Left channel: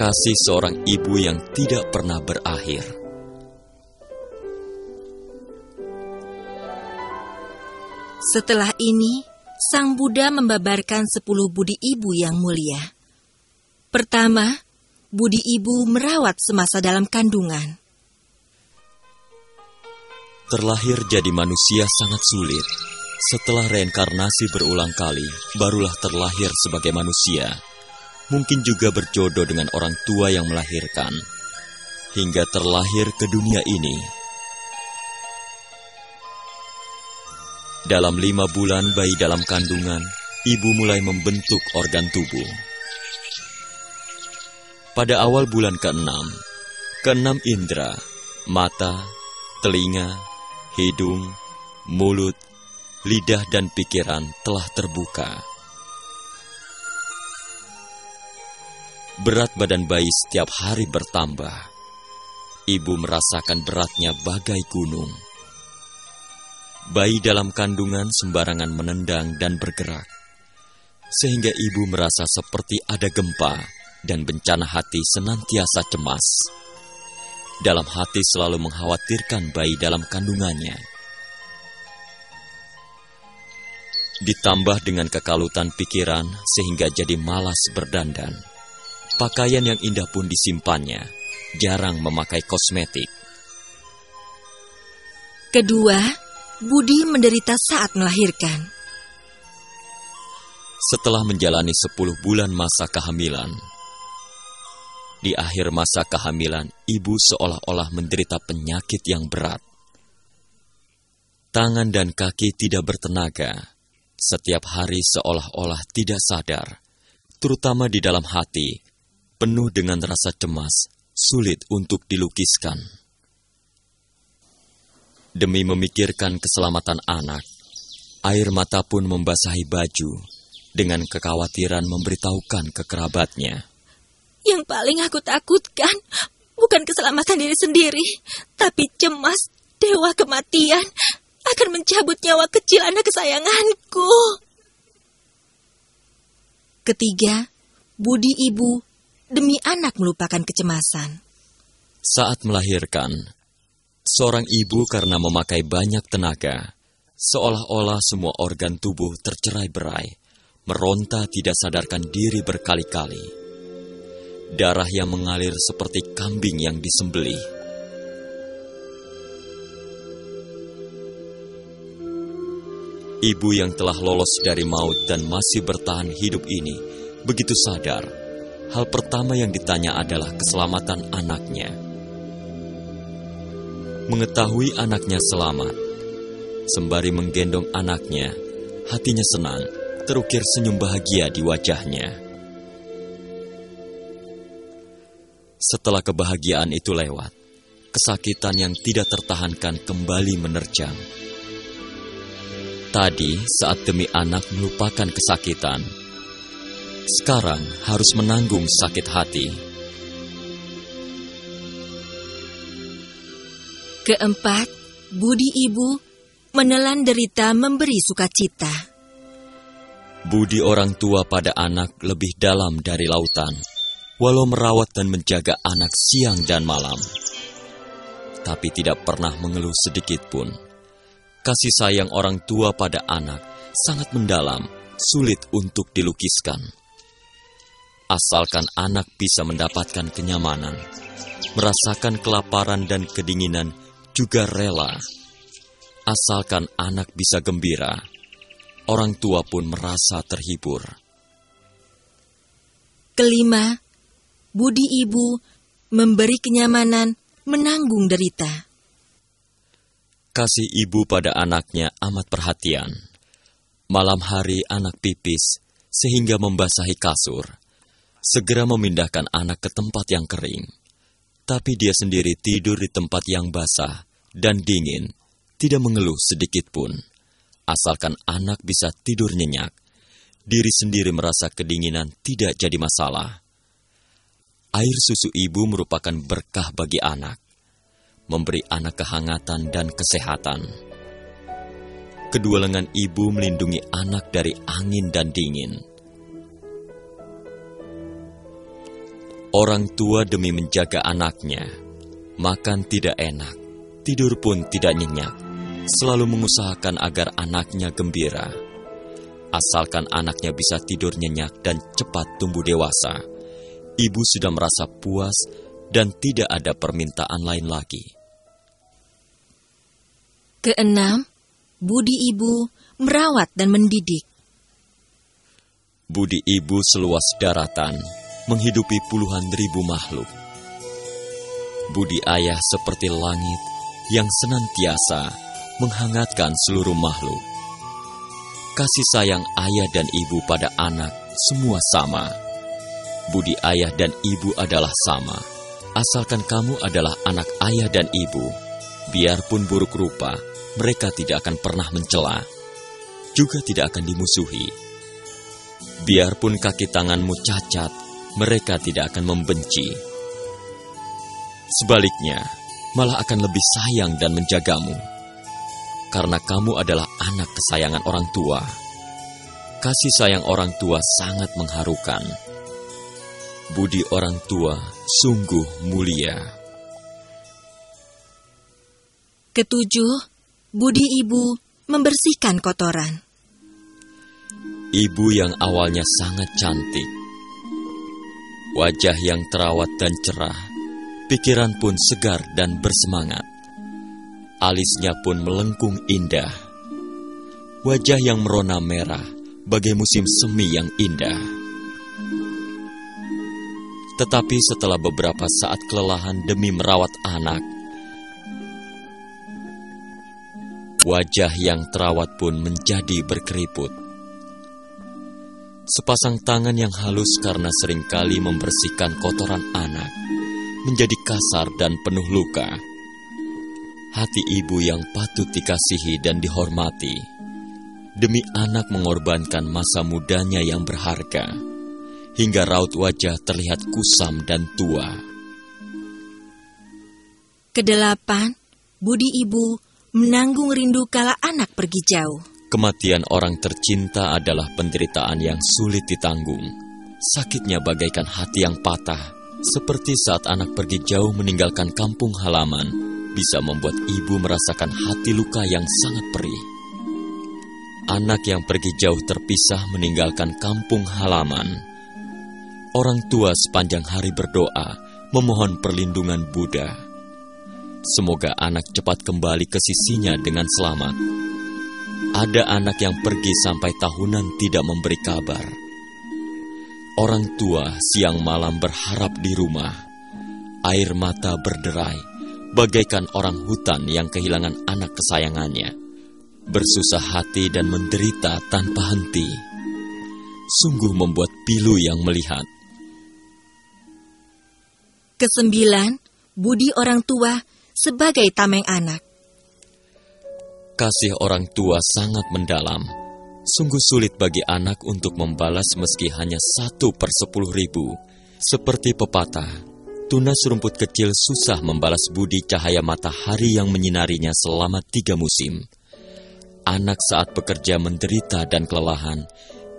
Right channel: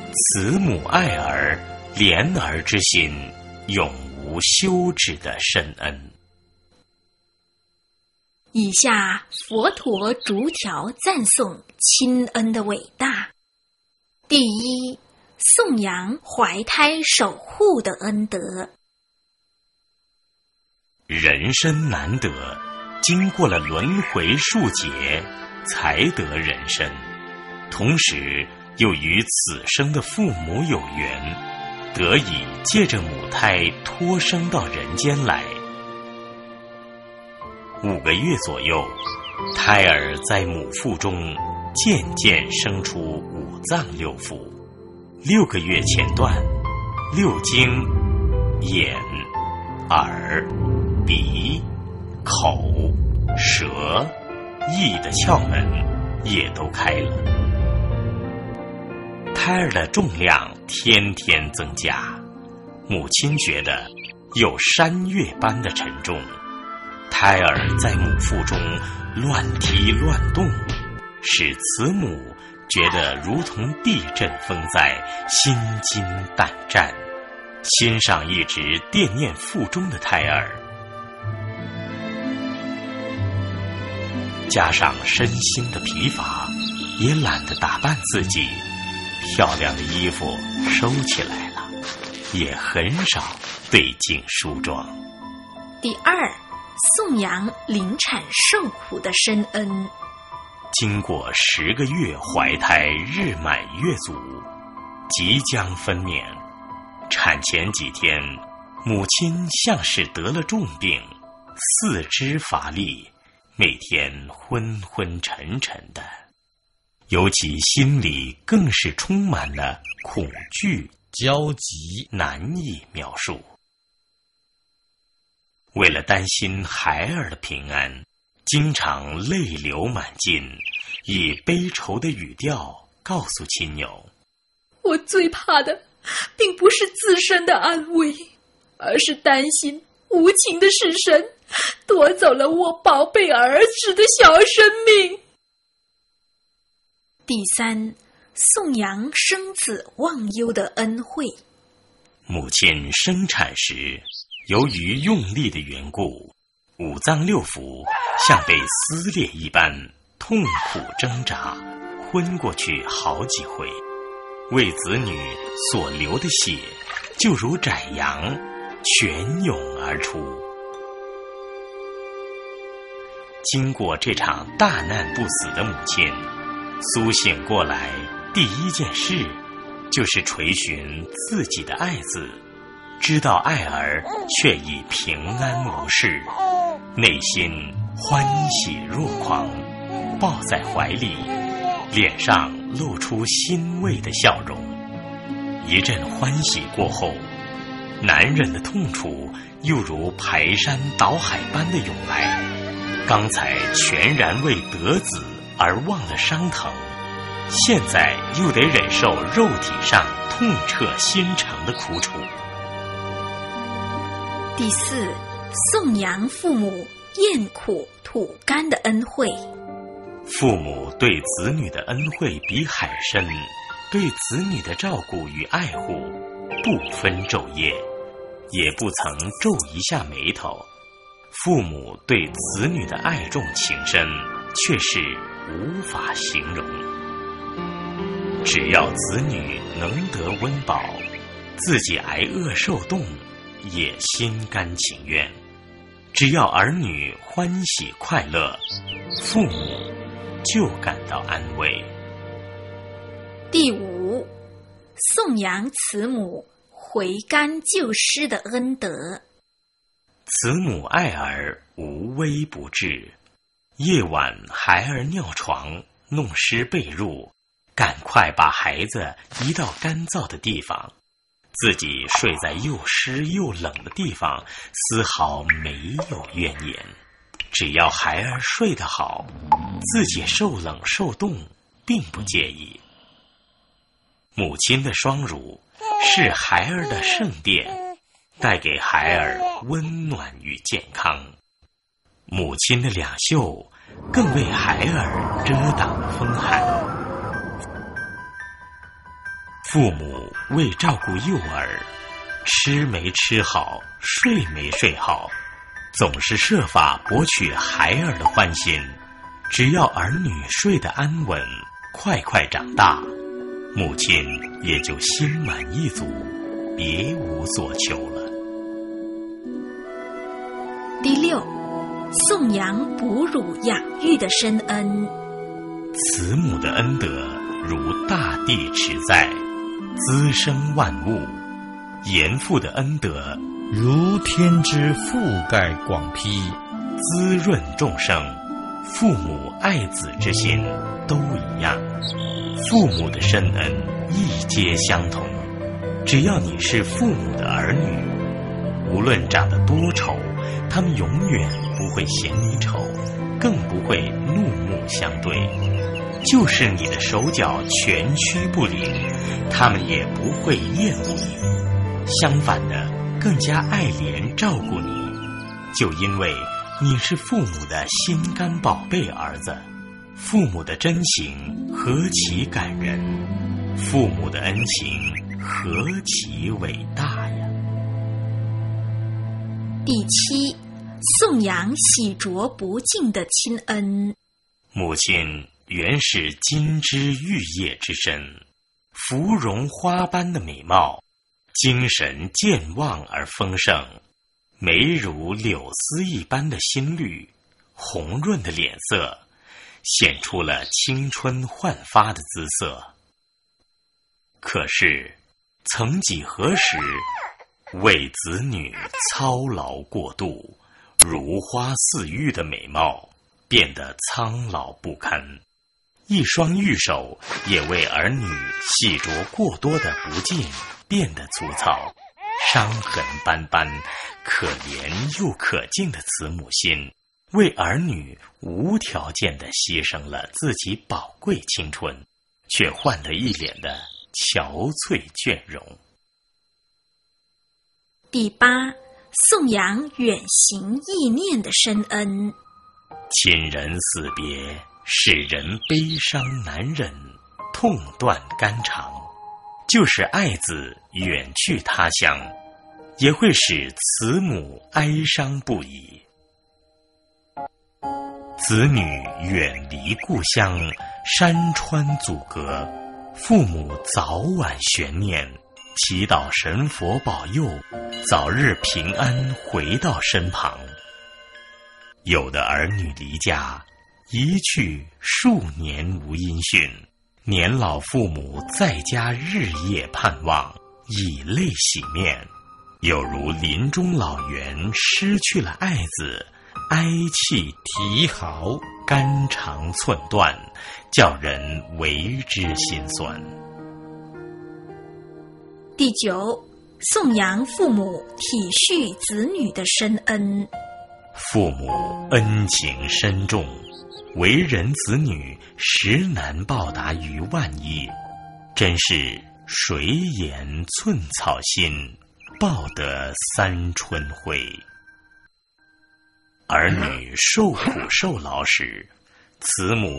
kasih seorang ibu yang tidak pernah 点尔 berakhir. 之心，永无休止的深恩。 Setelah ini, Sang Buddha membabarkan 10 budi ibu yang mulia. Pertama, budi ibu merawat semasa dalam kandungan. Terlahir jadi manusia sangat sulit. Setelah reinkarnasi berulang kali, barulah terlahir sebagai manusia. Mungkin juga berjodoh dengan orang tua yang melahirkan, hingga terlahir ke dunia ini. Dalam 5 bulan bayi dalam kandungan, ibu mulai membentuk organ tubuh. Pada awal bulan ke-6, ke-6 indera, mata, telinga, hidung, mulut, lidah dan pikiran telah terbuka. Berat badan bayi setiap hari bertambah. Ibu merasakan beratnya bagai gunung. Bayi dalam kandungan sembarangan menendang dan bergerak, sehingga ibu merasa seperti ada gempa dan bencana hati senantiasa cemas. Dalam hati selalu mengkhawatirkan bayi dalam kandungannya. Ditambah dengan kekalutan pikiran sehingga jadi malas berdandan. Pakaian yang indah pun disimpannya, jarang memakai kosmetik. Kedua, budi menderita saat melahirkan. Setelah menjalani 10 bulan masa kehamilan, di akhir masa kehamilan, ibu seolah-olah menderita penyakit yang berat. Tangan dan kaki tidak bertenaga. Setiap hari seolah-olah tidak sadar. Terutama di dalam hati, penuh dengan rasa cemas, sulit untuk dilukiskan. Demi memikirkan keselamatan anak, air mata pun membasahi baju dengan kekhawatiran memberitahukan ke kerabatnya. Yang paling aku takutkan bukan keselamatan diri sendiri, tapi cemas dewa kematian akan mencabut nyawa kecil anak kesayanganku. Ketiga, budi ibu demi anak merupakan kecemasan. Saat melahirkan, seorang ibu karena memakai banyak tenaga, seolah-olah semua organ tubuh tercerai-berai, meronta tidak sadarkan diri berkali-kali. Darah yang mengalir seperti kambing yang disembelih. Ibu yang telah lolos dari maut dan masih bertahan hidup ini, begitu sadar. Hal pertama yang ditanya adalah keselamatan anaknya. Mengetahui anaknya selamat, sembari menggendong anaknya, hatinya senang, terukir senyum bahagia di wajahnya. Setelah kebahagiaan itu lewat, kesakitan yang tidak tertahankan kembali menerjang. Tadi saat demi anak melupakan kesakitan, sekarang harus menanggung sakit hati. Keempat, budi ibu menelan derita memberi sukacita. Budi orang tua pada anak lebih dalam dari lautan, walau merawat dan menjaga anak siang dan malam, tapi tidak pernah mengeluh sedikit pun. Kasih sayang orang tua pada anak sangat mendalam, sulit untuk dilukiskan. Asalkan anak bisa mendapatkan kenyamanan, merasakan kelaparan dan kedinginan, juga rela. Asalkan anak bisa gembira, orang tua pun merasa terhibur. Kelima, budi ibu memberi kenyamanan, menanggung derita. Kasih ibu pada anaknya amat perhatian. Malam hari anak pipis, sehingga membasahi kasur. Segera memindahkan anak ke tempat yang kering. Tapi dia sendiri tidur di tempat yang basah dan dingin, tidak mengeluh sedikit pun. Asalkan anak bisa tidur nyenyak, diri sendiri merasa kedinginan tidak jadi masalah. Air susu ibu merupakan berkah bagi anak, memberi anak kehangatan dan kesehatan. Kedua lengan ibu melindungi anak dari angin dan dingin. Orang tua demi menjaga anaknya, makan tidak enak, tidur pun tidak nyenyak, selalu mengusahakan agar anaknya gembira. Asalkan anaknya bisa tidur nyenyak dan cepat tumbuh dewasa, ibu sudah merasa puas dan tidak ada permintaan lain lagi. Keenam, budi ibu merawat dan mendidik. Budi ibu seluas daratan, menghidupi puluhan ribu makhluk. Budi ayah seperti langit yang senantiasa menghangatkan seluruh makhluk. Kasih sayang ayah dan ibu pada anak semua sama. Budi ayah dan ibu adalah sama. Asalkan kamu adalah anak ayah dan ibu, biarpun buruk rupa, mereka tidak akan pernah mencela, juga tidak akan dimusuhi. Biarpun kaki tanganmu cacat, mereka tidak akan membenci. Sebaliknya, malah akan lebih sayang dan menjagamu. Karena kamu adalah anak kesayangan orang tua. Kasih sayang orang tua sangat mengharukan. Budi orang tua sungguh mulia. Ketujuh, budi ibu membersihkan kotoran. Ibu yang awalnya sangat cantik, wajah yang terawat dan cerah, pikiran pun segar dan bersemangat. Alisnya pun melengkung indah, wajah yang merona merah, bagai musim semi yang indah. Tetapi setelah beberapa saat kelelahan demi merawat anak, wajah yang terawat pun menjadi berkeriput. Sepasang tangan yang halus karena seringkali membersihkan kotoran anak menjadi kasar dan penuh luka. Hati ibu yang patut dikasihi dan dihormati, demi anak mengorbankan masa mudanya yang berharga, hingga raut wajah terlihat kusam dan tua. Kedelapan, budi ibu menanggung rindu kala anak pergi jauh. Kematian orang tercinta adalah penderitaan yang sulit ditanggung. Sakitnya bagaikan hati yang patah, seperti saat anak pergi jauh meninggalkan kampung halaman, bisa membuat ibu merasakan hati luka yang sangat perih. Anak yang pergi jauh terpisah meninggalkan kampung halaman. Orang tua sepanjang hari berdoa, memohon perlindungan Buddha. Semoga anak cepat kembali ke sisinya dengan selamat. Ada anak yang pergi sampai tahunan tidak memberi kabar. Orang tua siang malam berharap di rumah. Air mata berderai, bagaikan orang hutan yang kehilangan anak kesayangannya. Bersusah hati dan menderita tanpa henti. Sungguh membuat pilu yang melihat. Kesembilan, budi orang tua sebagai tameng anak. Kasih orang tua sangat mendalam. Sungguh sulit bagi anak untuk membalas meski hanya 1/10.000. Seperti pepatah, tunas rumput kecil susah membalas budi cahaya matahari yang menyinarinya selama 3 musim. Anak saat bekerja menderita dan kelelahan,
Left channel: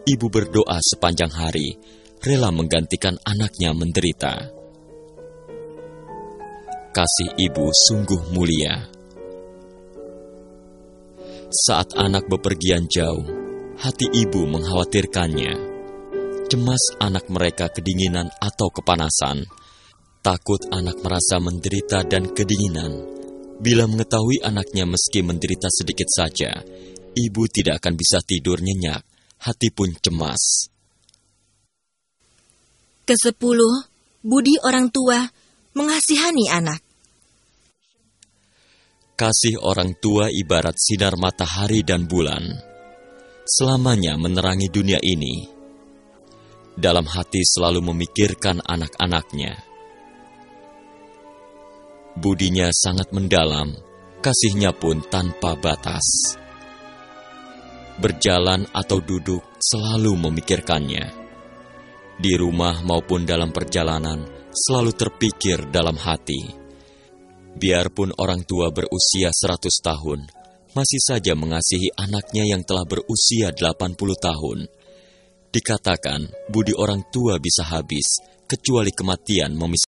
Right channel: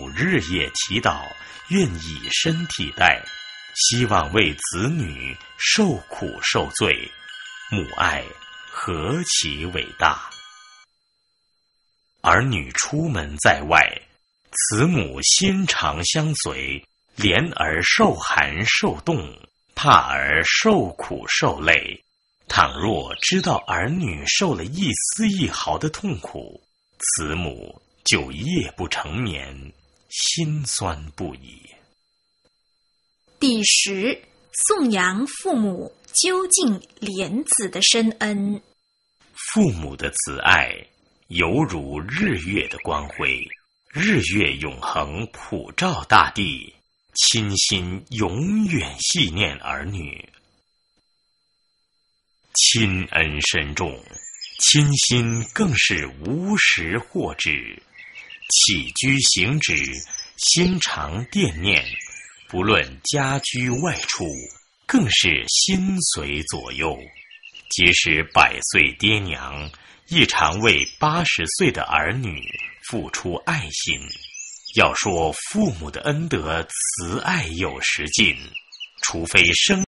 ibu berdoa sepanjang hari, rela menggantikan anaknya menderita. Kasih ibu sungguh mulia. Saat anak bepergian jauh, hati ibu mengkhawatirkannya. Cemas anak mereka kedinginan atau kepanasan. Takut anak merasa menderita dan kedinginan. Bila mengetahui anaknya meski menderita sedikit saja, ibu tidak akan bisa tidur nyenyak, hati pun cemas. Ke-10, budi orang tua mengasihani anak. Kasih orang tua ibarat sinar matahari dan bulan, selamanya menerangi dunia ini. Dalam hati selalu memikirkan anak-anaknya. Budinya sangat mendalam, kasihnya pun tanpa batas. Berjalan atau duduk selalu memikirkannya. Di rumah maupun dalam perjalanan, selalu terpikir dalam hati. Biarpun orang tua berusia 100 tahun, masih saja mengasihi anaknya yang telah berusia 80 tahun. Dikatakan, budi orang tua bisa habis, kecuali kematian